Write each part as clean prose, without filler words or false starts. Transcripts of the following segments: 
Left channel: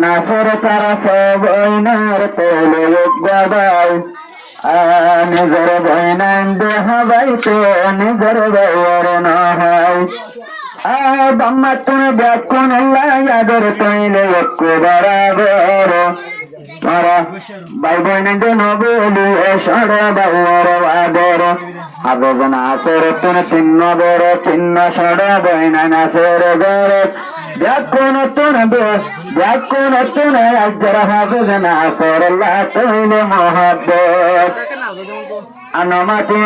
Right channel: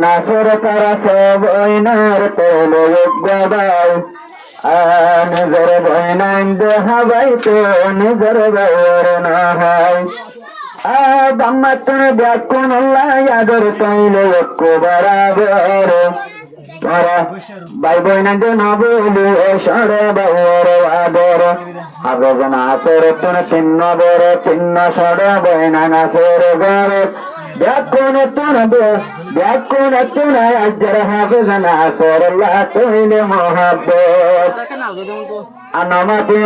নাসর তারা সব ওইনার তোলে গবাই নিজের বইনান দেহাবাই তো নিজের বউর নহাই বাম্মা তুমি ব্যাগ কোন আদর তৈলে একটু বরাবর তারা ভাই বোনদের নবলি সরে বউর আদর আবেদন আসর তুমি চিহ্ন বড় চিহ্ন সরে বইনা নাসের গর ব্যাকুন তুন আজর হাফেজন আসর আল্লাহ তৈলে মহাব্বত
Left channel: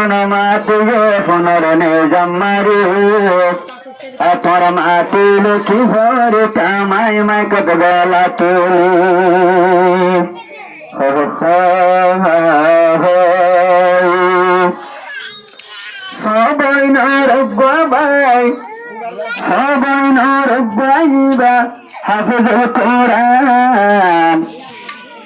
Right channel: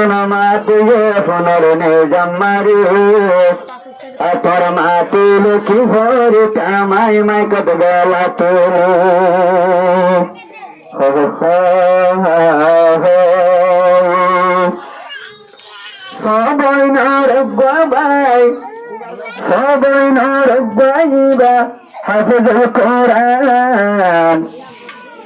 নমাতি ফোনর নে জম্মারি তোর মাতি লুকি ভরে কামাই মাই কত গলা তুলি সবাই নরবাই বা হাফিজ কোরআন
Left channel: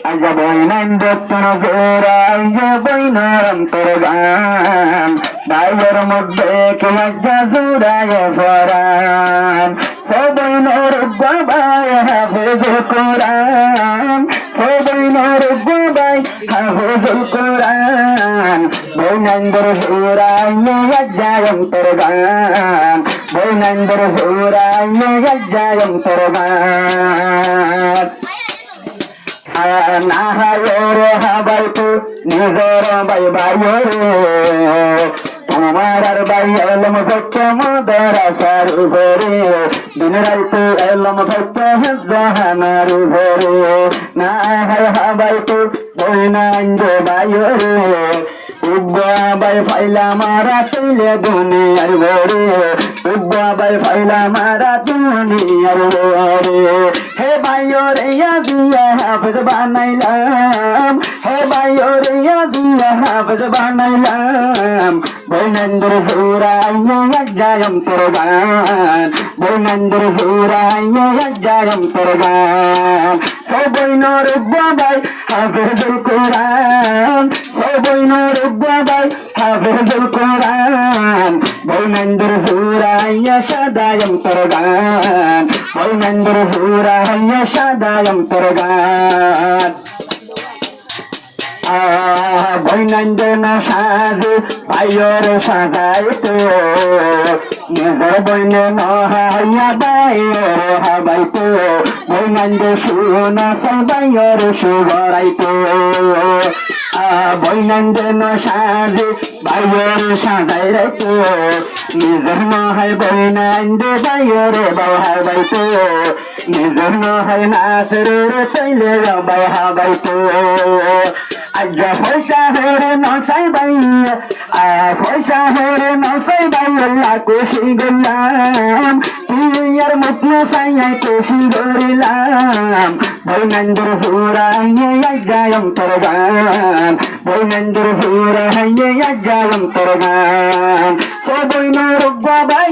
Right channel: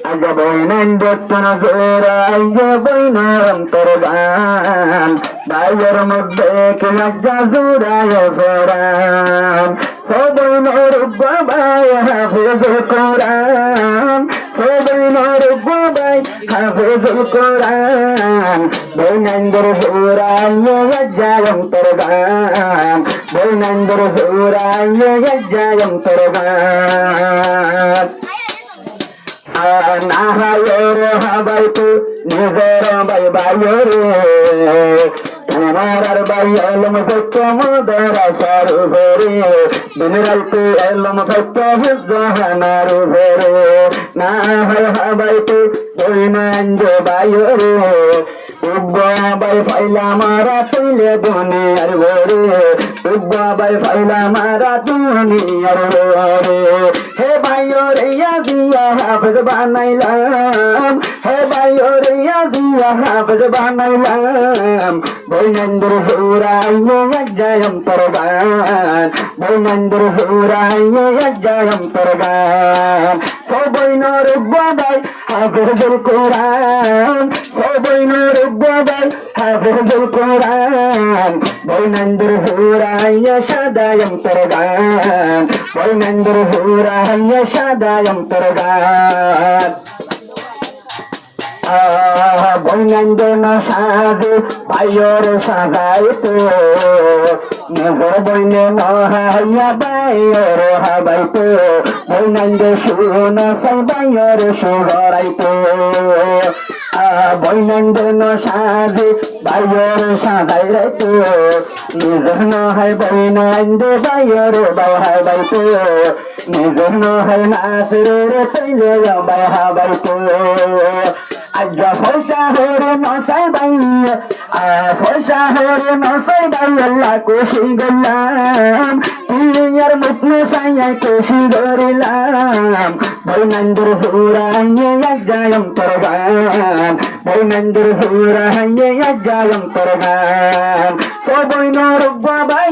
আজা বইনান দত্তন জোরাইয়া বইনার অন্তর গান দায়ের মধ্যে কে লজ্জা জোরায় ফরান সবাই নরবাই হাফিজ কোরআন সবাই নরবাই হাফিজ কোরআন বইনান্দর জোরাইয়া লজ্জা অন্তর গান বইনান্দর জোরাইয়া লজ্জা অন্তর গান নাহায়োর হাবাইতো নিজের বাই বাইরে তোমার আর বাই এলম ভক্ত মোদের আসার ভরে দিন রাইতে এলম ভক্ত জাহানার ভরে নাহায় হাবাইতো দৈনাঞ্জ বাইরে উব্বা বাই ফাইলা মারা তুলে দুনিয়ার ভরে উব্বা বাই ফাইলা মারা দুনিয়ার ভরে হে বাইরে দিয়া হাফেজ বানাইলাম হে বাইরে দিয়া হাফেজ বানাইলাম বৈনন্দর হুরাইয়া জায়ম তোর গান বৈনন্দর হুরাইয়া জায়ম তোর গান সবাই নরবাই হাফেজুল কোরআন সবাই নরবাই হাফেজুল কোরআন বৈনন্দর হুরাইয়া সাদায়ম তোর গান বৈনন্দর হুরাইয়া সাদায়ম তোর গান বৈনন্দন সাজে ভাইয়র সাজাইতো নিজের বইনে নহাইয়া বাইর হাবাইতো বৈনন্দ শুন সাই বাইর সুগরাইতো বৈনন্দন সাজে বাইর সাজাই রাইতো নিজের নহাই বৈনন্দ বাইর বাহাবাইতো নিজের নহাই নাসরের তৈলে বাহাবাইতো আজ্জা পয়সা হরে নসাই বাই পয়সা হরে নসাই বাই আল্লাহ খুশি গেলাম তুইয়ার মুখে সাইয়াই খুশি গরিলাম বৈনন্দর হুরাইয়া জায়ম তোর গান বৈনন্দর হুরাইয়া জায়ম তোর গান সবাই নরবাই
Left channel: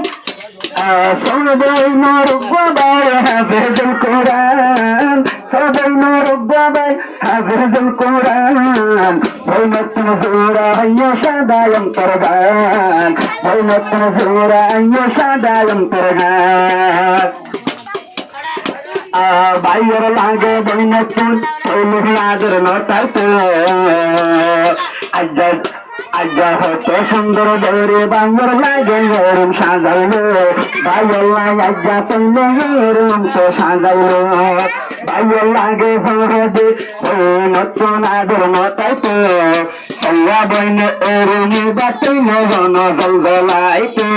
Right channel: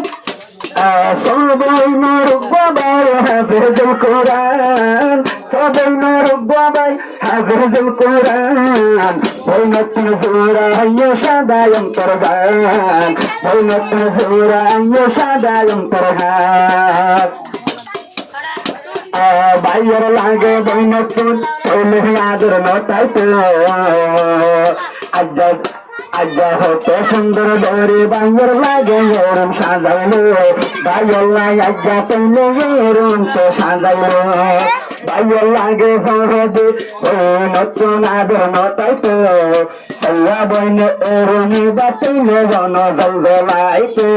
সবাই নরবাই হাফেজুল কোরআন সবাই নরবাই হাফেজুল কোরআন বৈনতুন হুরাইয়া সাদায়ম তোর গান বৈনতুন হুরাইয়া সাদায়ম তোর গান বাইর লাগে বৈনতুন তৈলে আদর নটাইতো আজ্জা হতে সুন্দর দরে বাইর লাগে এরম সাজাইলো বাইর লাগে আজ্জা তৈলে এরম তো সাজাইলো বাইর লাগে ফরদে নতুন আদর নটাইতো সয়া বইনে এরমি বাতিলে জন জলজলাইতো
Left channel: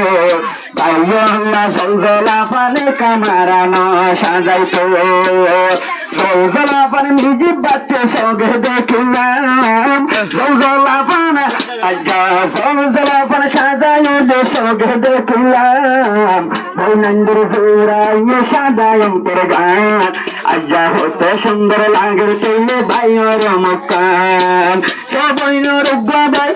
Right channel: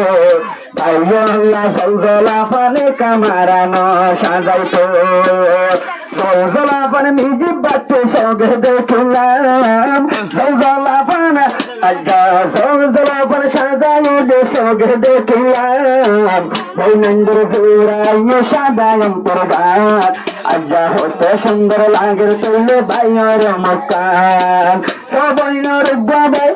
বাইর জলজলা পানে কামারা ন সাজাইতো জলজলা পানে নিজে বাচ্চে সঙ্গে দেখিলাম জলজলা পানে আজ্জা জলজলা পানে সাজাইলে সঙ্গে দেখিলাম বৈনন্দর হুরাইয়া সাদায়ম তোর গান আজ্জা হতে সুন্দর লাগের তৈলে বাইর মুকাম সবাই নরবাই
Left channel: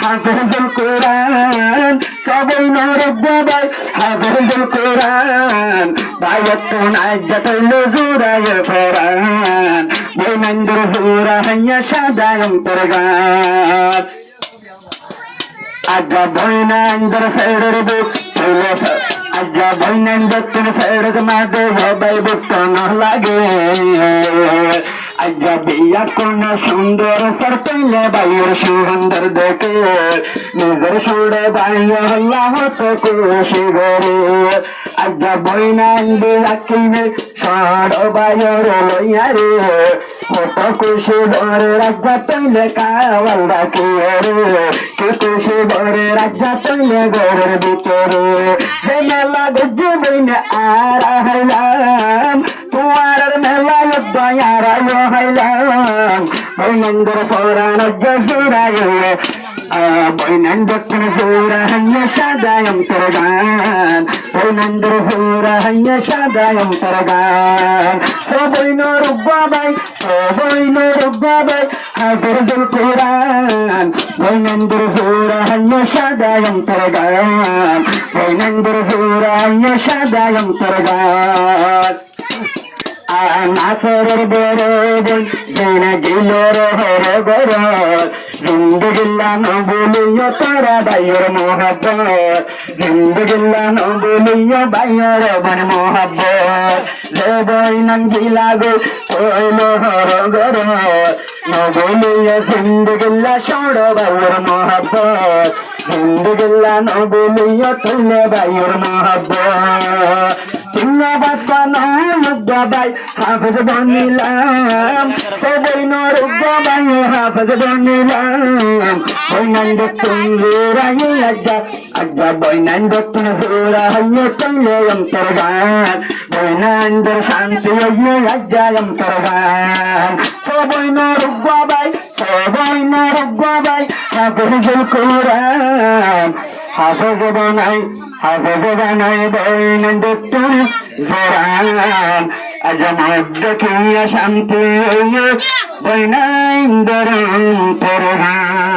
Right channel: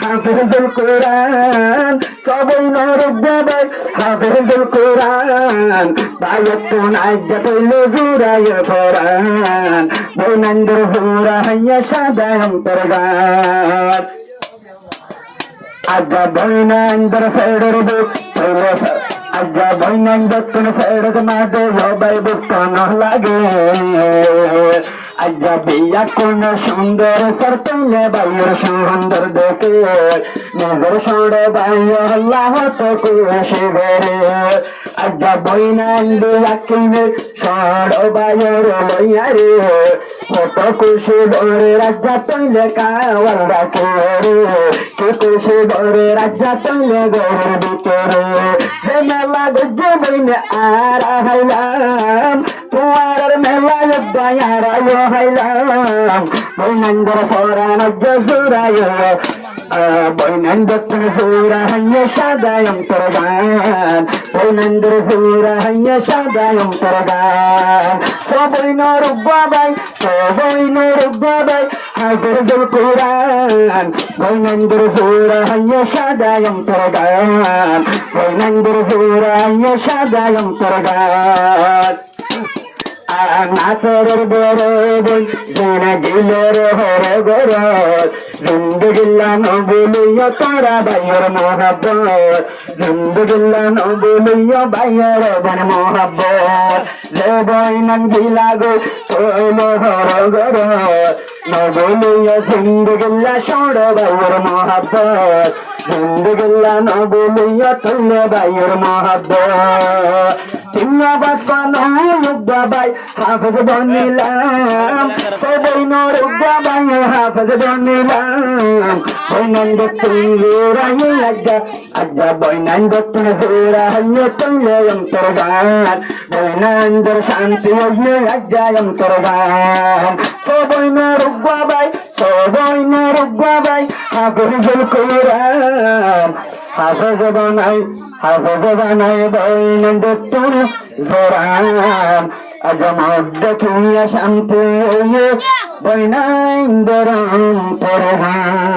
হাফেজুল কোরআন সবাই নরবাই হাফেজুল কোরআন বাইতুন আজ্জা তৈলে জুরায় ফরান বৈনন্দর হুরাইয়া সাদায়ম তোর গান আজ্জা বৈনন্দর ফেরের বুক তৈলে আজ্ঞা বৈনান দক্ষিণ ফেরত মাদে সবাই বুঝতে না লাগে আজ্ঞা বিয়া কোন সুন্দর সর পেলে বাইয়ের সুন্দর দেখে নিজের সুরে বাইয়ে হল্লা হতো খুশি ঘরে আজ্ঞা বৈনান বিয়া কিনে সর বাইয়ের লইয়া রে কত খুশি ঘরে রাজা তৈলে কাওয়াল রাখে রে কে খুশি ঘরে রাজা তৈলে ঘরের ভিতরে যে মেলা দেখে বইনে আর হাইলাম তোমার মেলা দয়ার হাইলাম বৈনন্দর পরাণ জহিরায় বৈনন্দ সুরাহ্য সদায়ম তরগান বৈনন্দর সুরাহ্য সদায়ম তরগান বৈন রুবাবাই বৈন রুবাবাই হাফিজুল কুরআন বৈনন্দর সুরাহ্য সদায়ম তরগান বৈনন্দর সুরাহ্য সদায়ম তরগান নাসরের বড় বই যেন দিল হর গর জিন্দগিল্লা নবুলিয় তারা বাইয়ের মহাব্বত জিন্দগিল্লা নবুলিয় বাইয়ের বন মহাব্বত যে বইনন গিলা গো কইল হর গর নবুলিয় জিন্দগিল্লা সড় বাইয়ের মহাব্বত জিন্দগিল্লা নবুলিয় তুলে বাইয়ের মহাব্বত চিন্নাবাদ বানাই হাফেজ বনিলাম সবইন রুবাবাই হাফেজ বনিলাম বৈনান দক্ষিণ জোরাই আজ্ঞা আজ্ঞা বৈনান দক্ষিণ জোরাই তৈলে অন্তর্গান বৈনান্দর শান্তি আজ্ঞা অন্তর্গান সবইন রুবাবাই হাফেজুল কুরআন হাফেজ বানাই বৈনান দক্ষিণ জোরান আজমত দেখিয়া শান্তি বৈনান্দর তরগান